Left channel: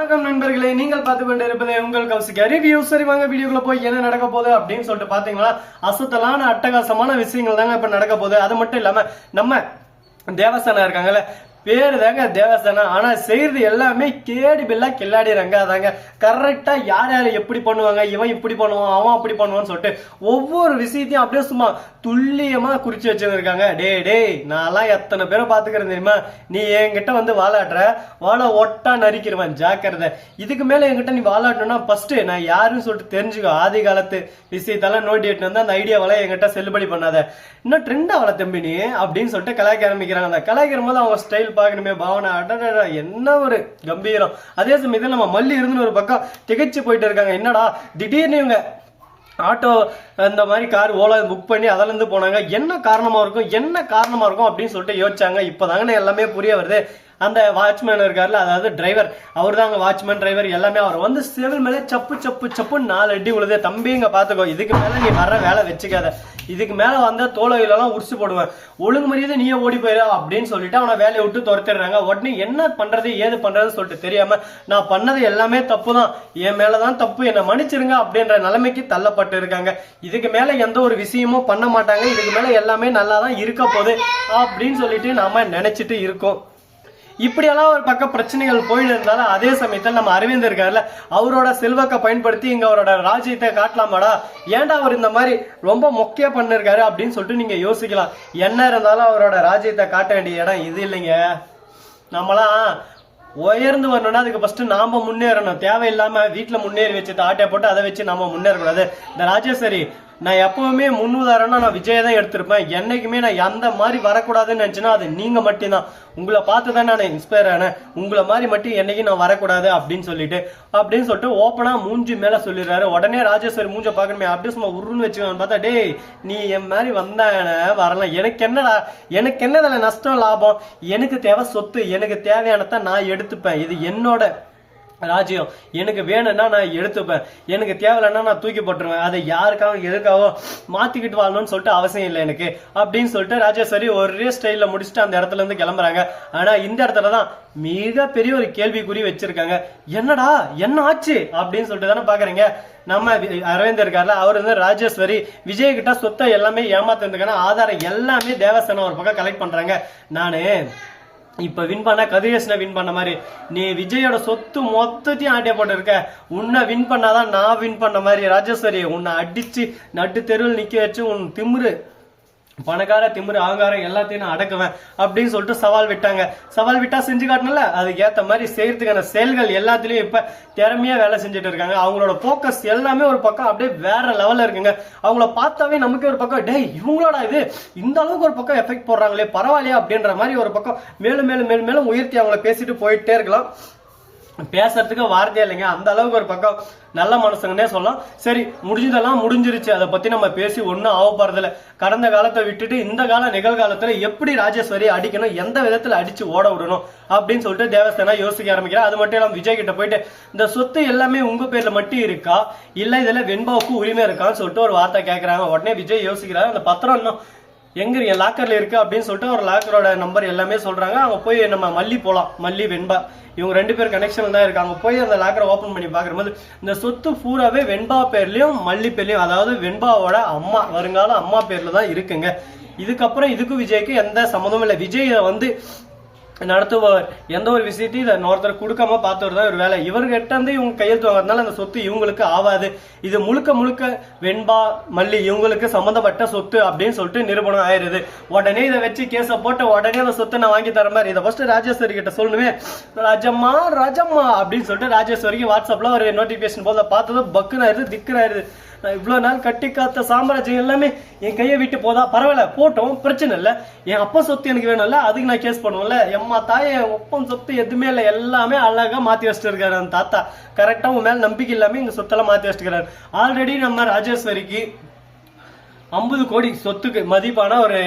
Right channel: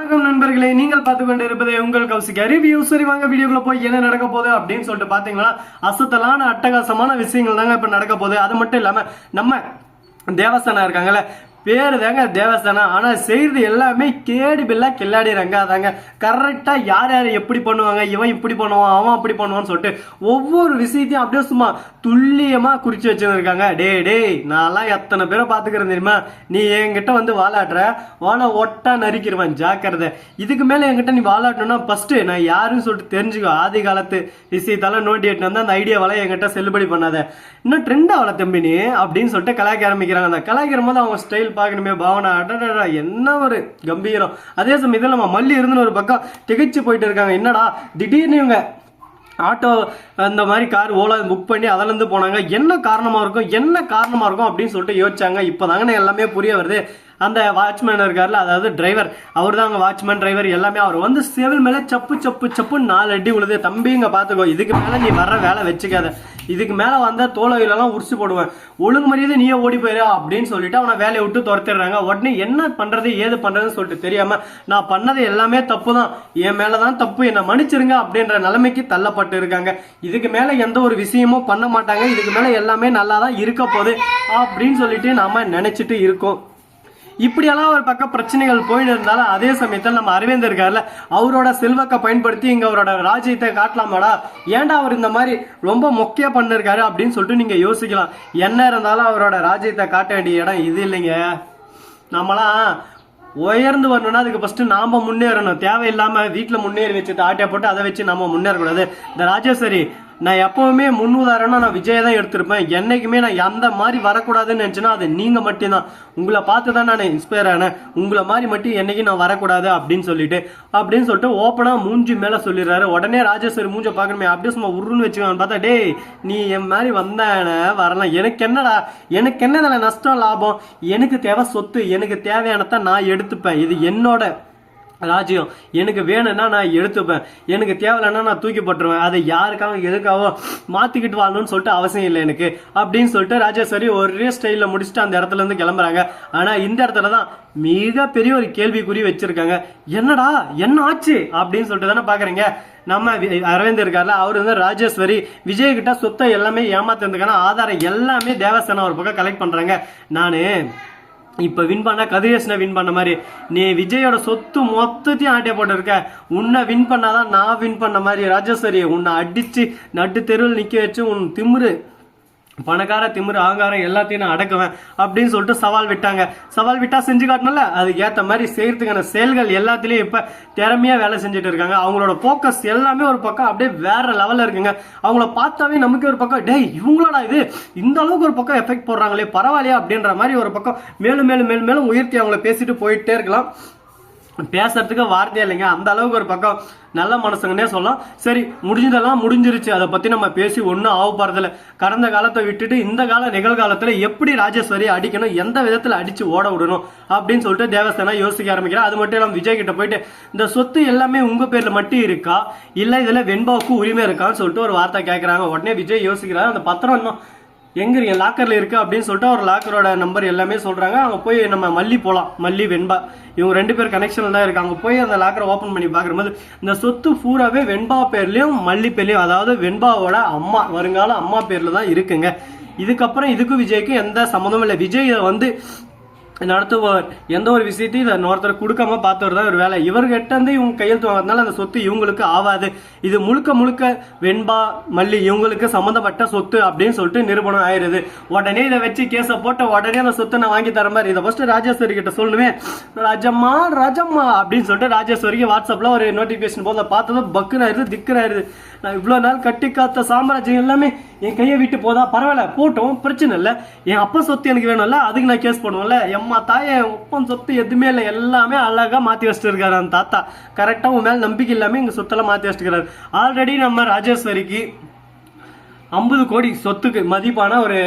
வணக்கம் நண்பர்களே நீங்கள் பார்த்து கொண்டு இருப்பது உங்கள் கௌசிகா ரிவ்யூ சரி வாங்க வீடியோக்குள்ள போய் என்ன நடக்க போகுது அப்படின்னு சொல்லிட்டு பாத்தீங்கன்னா அசத்தலான அட்டகாசமான விஷயங்கள் தாங்க இப்ப நடக்க போகுது. அது மட்டும் இல்லாம நம்ம தேவஸ்தானம் இருக்காங்கல்ல பேர் தாங்க தேவஸ்தானம். ஆனால் செய்கிறது எல்லாமே கேடி பில்லா ரங்கா தாங்க. கரெக்டாக யார் யார் எப்படி பண்ணுவாங்க இவன் இப்படி பண்ணுவான் அவன் அப்படி பண்ணுவான்னு சொல்லிட்டு ஒவ்வொரு விஷயத்தையும் அப்படியே சும்மா துல்லியமாக குறித்து வச்சுருக்காங்க டே டேய் நான்லாம் எத்தனை பேரை பார்த்துக்கிறேன் தெரியுமா? நீ என்கிட்ட வந்து வாழாடுற. வாழை ஒட்டா நரிக்கிறவன் ஜாக்கிரதை. இதுக்கு மேலே என்கிட்ட நீ வாழாட்டணும்னா ஃபஸ்ட்டு நான் யாருன்னு சொல்லிட்டு தெரிஞ்சுக்கோ. ஆதி காலத்து விஷயத்தெல்லாம் நோண்டி எட்டுன்னு வந்து அந்த ஐடியாவெல்லாம் என்கிட்ட செல்லுபடி பண்ணாத. இன்னும் ட்ரெண்ட் ஆகல தம்பி நீ அப்படின்னு சொல்லிட்டு கலாய்க்க ஆரம்பிக்கிறாங்க. அந்த கலாய்க்கிற போது அவங்க ஸ்டைல் பார்க்கணுமே பாவனா அடடா என்ன ஒரு கம்பீரம். அதே சமயத்தில் நம்ம மல்லி இருந்துன்னு ஒரு பக்கம் திகைச்சு போயிட்டு இருக்காங்க. என்னடா திடீர்னு இவங்க ஆட்டோ அந்த மாதிரி கார் ஓலா புக் பண்ணி அதுலேருந்து போனாங்க. என்ன காரணமாக இருக்கும் என்ன காரணமாக இருக்கும் அப்படின்னு சொல்லிட்டு யோசிச்சாங்க. இப்போ எல்லாமே புரிய வருது. அந்த வாட்ச்மேன் இருக்கார்ல அதாவது டிரைவர் அவர் தாங்க வாட்ச்மேன் டிரைவர் எல்லாமே அவர் வந்து செவில் மேலே சப்பு சப்பு சப்புன்னு நாலு அடி உழுது தம்பிங்க பார்த்துக்கோ இதுக்கு மேலே நீ வர்ற வேலை வச்சுக்காத. இதுக்கு மேலே வந்தால் தோலையிலலாம் உரிச்சு போடுவேன். ஒழுங்கு மரியாதை நீயே ஓடி போயிரு அப்படின்னு சொல்லிட்டு அவனை வேலையை விட்டு துரத்திடுறாங்க. உடனே என்ன பண்ணுறது ஏது பண்ணுறதுன்னு சொல்லிட்டு தெரியாமல் நான் பண்ணது எல்லாமே தப்பு தான் என் மேலே தான் தப்பு. என்னை மன்னிச்சிருங்க அப்படின்ற நிலைமைக்கு தள்ளப்பட்டு இருக்காங்க. இதுக்கு மேலே எந்த ஒரு விஷயமும் பண்ண மாட்டாங்க. இதுக்கு மேலே எல்லாமே நல்லா தான் இருக்க போகுது அப்படின்னு சொல்லிட்டு நாம் நினச்சிட்டு இருக்கோம். இப்படியெல்லாம் ஒரு பக்கம் பிரச்சனைகள் போயின்னு இருந்தாலும் அதே சமயத்தில் நம்ம அரவிந்த் இருக்கார்ல அவரோட செல்வாக்கை பயன்படுத்தி இங்க அவரோட ராஜ்யத்தை காட்டலாமாடா? ஏன்டா அவர் இந்த மாதிரி ரொம்ப மொக்கையா பண்ணிருக்காரு அப்படின்னு சொல்லிட்டு நீங்க யோசிக்கலாம். என்ன இருந்தாலும் அவரோட ராஜ்யத்தை காட்ட வேண்டிய இடம் இது இல்லைங்க. நம்மளாம் உயர்ந்து வரணும்னா அதுக்கு ஃபர்ஸ்ட் நாம முன்னேறணும். தேவையில்லாம வீட்டில் முன்னேறி வச்சுட்டு தாட்டை போட்டு அதை வச்சு நம்ம முன்னேறக்கூடாது. இந்த ராஜேஸ்வரி நான் எப்பவுமே முன் உதாரணம் நான் விஜய் தான் எடுத்திருப்பேன். என்றைக்குமே நான் எந்த மாதிரி வரக்கூடாதுன்னு நினச்சினா அது நீங்கள் மட்டும்தான். உங்களை பார்த்து தான் நான் இன்ஸ்பயர் ஆனேன். உங்களை மாதிரி மட்டும் என்றைக்கும் நான் வரக்கூடாது அப்படின்னு சொல்லிட்டு. அப்படின்னு சொல்லிட்டு ஓப்பனாக மூஞ்சி மேலே சொல்லிடுறாரு. உடனே ராஜேஸ்வரி மூஞ்சை பார்க்கணுமே அப்படியே சும்மா உருன்னு வச்சுக்கோன்னு பார்த்தா டேய் நீ என் மாதிரி வந்தான வரலாம். எனக்கு என்னடா எனக்கு என்னடா நஷ்டம் லாபம்? எனக்கு தேவை சொத்து எனக்கு தேவையானதான் நான் எடுத்துப்பேன். இது என்னோட ராஜ்யம். எனக்கு வேணும்னா நான் எடுத்துப்பேன். எனக்கு தேவையில்லைன்னா நான் தூக்கி போட்டுருவேன் அதை யாருக்காக எதுக்காகவோ மாற்றிக்கிட்டு வாழணும்னு சொல்லிட்டு அவசியம் இல்லை எனக்கு. அப்படின்னு சொல்லிட்டு ராஜேஸ்வரி ஒரே ஸ்டைலில் முடிச்சுட்டு அந்த இடத்துல இருந்து கிளம்புறாங்க. ஆனால் இந்த இடத்துல தான் மிகப்பெரிய ஒரு கேள்விக்குறி வச்சிருக்காங்க. என்னடா என்ன ஆச்சு? அப்படின்னு சொல்லிட்டு தானே பார்க்குறீங்க நம்ம அரவிந்த் இருக்கார்ல அவர் வந்து ராஜேஸ்வரி விஜய் கிட்ட சொத்தை எல்லாமே ஏமாத்திருந்துக்கான ஆதாரம் எல்லாமே தேவஸ்தானம் ஒரு பக்கம் கலெக்ட் பண்றாங்க. நானு இப்போ வின் பண்ண கதிரேசனை வின் பண்ண மாதிரி. நீ விஜயோட சொத்து மொத்தத்தையும் ஆட்டே போட்டிருக்க. உன்னை வின் பண்ணாதான் நான் வின் பண்ண மாதிரி ராஜேஸ்வரி உன்னை அடிச்சு நட்டு தெருவில் நிற்க வச்சு உன் திமுரு பணக்கார திமிரு ஆங்காரம் எல்லாத்தையும் நான் அடக்குவேன் அப்படின்னு சொல்லிட்டு சவால் விட்டாங்க. சவால் விட்டா செஞ்சு காட்டணும்ல? அதுக்கு ஏற்ற மாதிரி செய்யறதுக்கான செயல்கள் எல்லாத்துலயும் இப்ப திறமையா வேலை செஞ்சுட்டு இருக்காங்க. அவங்களோட போக்கஸ் எல்லாமே ஒரு பக்கம் அப்படியே வேற லெவல்ல இருக்குங்க. அவங்கள பார்த்தாவே நமக்கு ஒரு பக்கம் டேய் இவங்களோட இது? இந்த அளவுக்கு ஒரு பக்கம் எஃபெக்ட் போடுறாங்களே பரவாயில்லையா? அப்படின்ற மாதிரி ஒரு பக்கம் மேலும் மேலும் மேலும் மேலும் உயர்த்தி அவங்கள பேசிட்டு போயிட்டே இருக்கலாம். பேசுறதுக்கு வார்த்தையே இல்லைங்க. அந்த அளவுக்கு ஒரு பக்கம் நல்ல மனசுங்கன்னே சொல்லலாம். சரி முடிஞ்சதெல்லாம் முடிஞ்சிருச்சு. அதை பத்தி நம்ம பேசி ஒன்றும் ஆக போறதில்ல. கடந்த காலத்தை விட்டுட்டு இந்த கால நிகழ்காலத்துல எப்படி ராஜேஸ்வரி அடிக்கணும் எந்த விதத்துல அடிச்சு ஓட விடணும் அப்படின்னு சொல்லிட்டு தேவஸ்தானா யோசிக்க ஆரம்பிக்கிறேன் அது மட்டும் இல்லாம விஜய் கிட்ட போயிட்டு இந்த சொத்து எல்லாமே உங்க பேர்ல மட்டும் இருக்கா? இல்ல இதுல வெண்பாவுக்கு உரிமை இருக்கான்னு சொல்லிட்டு ஒரு வார்த்தை கேட்குறாங்க உடனே விஜய் யோசிக்கிறாரு. அந்த பத்திரம் இன்னும் எங்கே இருக்கு? லாக்கரில் இருக்குது அப்படின்னு சொல்லிட்டு ஒரு லாக்கரோட நம்பர் எல்லாமே சொல்கிறாங்க அவங்க போய் நம்ம மல்லி போகலாம் மல்லி வெண்பா. இவங்க ரெண்டு பேர் கனெக்ஷனில் தான் இருக்காங்க. போய் அந்த லாக்கரை ஓப்பன் பண்ணி பாக்கும்போது இந்த சொத்து பூராவே வெண்பா பேர்லேயும் மல்லி பேர்லேயும் அதாவது வெண்பாவோட அம்மா வருங்கால அம்மா பேரில் தான் இருக்குங்க. இதுக்கப்புறம் இதுக்கும் விஜய்க்கும் எந்த சம்மந்தமும் இல்லை. விஜய் வந்து நடத்துபவர். எந்த ஒரு விஷயத்தையும் இதை ஒருத்தர் கொடுக்காம பார்த்தவர் தான் ஒரு வேலை. இவர்கிட்ட இருந்து இவங்க கையெழுத்து வாங்குறதுனால அந்த சொத்து இவங்களுக்கு ஆகாது இது முழுக்க முழுக்க வெண்பா மல்லி இவங்களுக்கு சம்மந்தப்பட்ட சொத்து அப்படின்னு சொல்லிட்டு நிரூபணம் ஆயிருது. உடனே இதை வச்சு கேஸை போட்ட உடனே அந்த சொத்தை நான் வாங்கி தர மாதிரி இதை ஃபர்ஸ்ட் ராஜேஸ்வரி கிட்ட சொல்லுவேன் ராஜம்மா ராஜம்மா அப்படின்னு சொல்லிட்டு ராஜேஸ்வரிக்கு வாட்ஸ்அப்பில் ஒரு நோட்டிபிகேஷன் போதை பார்த்ததும் பக்குன்னு ஆயிருது திக்குன்னு ஆயிருது நான் இவ்வளோ நாள் கட்டி காத்த சாம்ராஜ்யம் எல்லாமே என் கையை விட்டு போதா? பரவாயில்ல போட்டோம் பிரச்சனை இல்லை. என் அப்பா சொத்து எனக்கு வேணும்ல அதுக்கு நான் கேஸ் பண்ணுவேன்ல. அம்மா தாயே ஒப்பம் சொத்து எதுவுமே இல்லை எல்லாமே அழகா மாற்றி வச்சுட்டு இருக்காரு அந்த தாத்தா. கரெக்டாக உன் மேலே நம்பிக்கை இல்லாமல் இங்க சொத்தெல்லாம் மாற்றி வச்சுட்டு ஆல்ரெடி நம்ம ராஜேஸ்வரிக்கு ஐம்பது கோடி சொத்துக்கு மதிப்பான ஒரு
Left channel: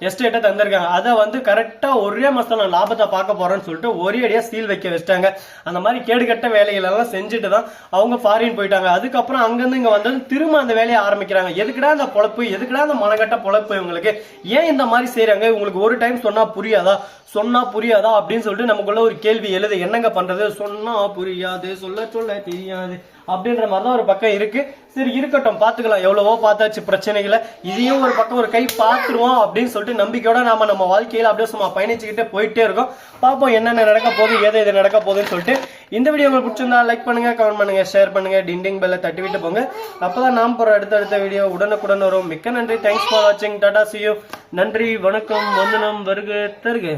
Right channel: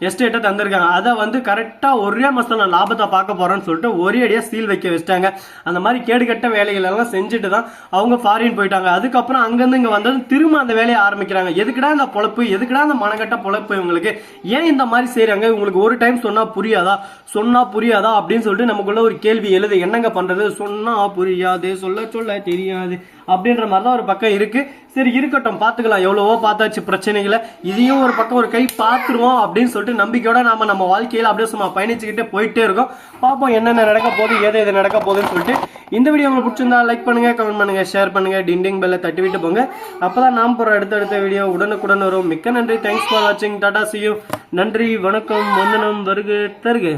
எஸ்டேட்டை தந்திருக்காங்க. அதை வந்து கரெக்டா ஒரே மாசத்துல நான் லாபத்தை பார்க்க போகிறேன்னு சொல்லிட்டு ஒரே அடியாக சீல் வைக்க வச்சிட்டாங்க. அந்த மாதிரி கேடுகட்ட வேலைகள் எல்லாம் செஞ்சுட்டு தான் அவங்க ஃபாரின் போயிட்டாங்க. அதுக்கப்புறம் அங்கிருந்து இங்க வந்தது திரும்ப அந்த வேலையை ஆரம்பிக்கிறாங்க. எதுக்குடா இந்த பொழப்பு? எதுக்குடா அந்த மனகட்ட பொழப்பு இவங்களுக்கு? ஏன் இந்த மாதிரி செய்றாங்க? உங்களுக்கு ஒரு டைம் சொன்னா புரியாதா? சொன்னா புரியாதா? அப்படின்னு சொல்லிட்டு நமக்குள்ள ஒரு கேள்வி எழுது. என்னங்க பண்றது? சொன்னால் புரியாது. சொல்ல சொல்ல தெரியாது. அப்படின்ற மாதிரி தான் ஒரு பக்கம் இருக்கு. சரி இருக்கட்டும். பார்த்துக்கலாம். எவ்வளவோ பார்த்தாச்சு பிரச்சனைகளை. இதையும் ஒரு பக்கம் ஒரு கை பார்த்துருவோம் அப்படின்னு அப்படின்னு சொல்லிட்டு நம்பிக்கையோட நாம நம்ம வாழ்க்கையில் அப்படியே சும்மா பயணிச்சுக்கிட்டே போயிட்டே இருக்கோம். பார்ப்போம் என்னென்ன நடக்க போகுது எது எது நடக்க போகுதுன்னு சொல்லிட்டு இந்த வீடியோ உங்களுக்கு பிடிச்சிருந்தா லைக் பண்ணுங்க கமெண்ட் பண்ணுங்க ஷேர் பண்ணுங்க டிண்டிங் பெல்ல தட்டி விட்டு போங்க. அப்பதான் நாம் போற அடுத்தடுத்த வீடியோ உடனுக்குடன் வரும். மிக்க நன்றி. தேங்க்ஸ் ஃபார் வாட்சிங் டாடா சியூ நன்றி வணக்கம் வந்தனம் வருக தருக.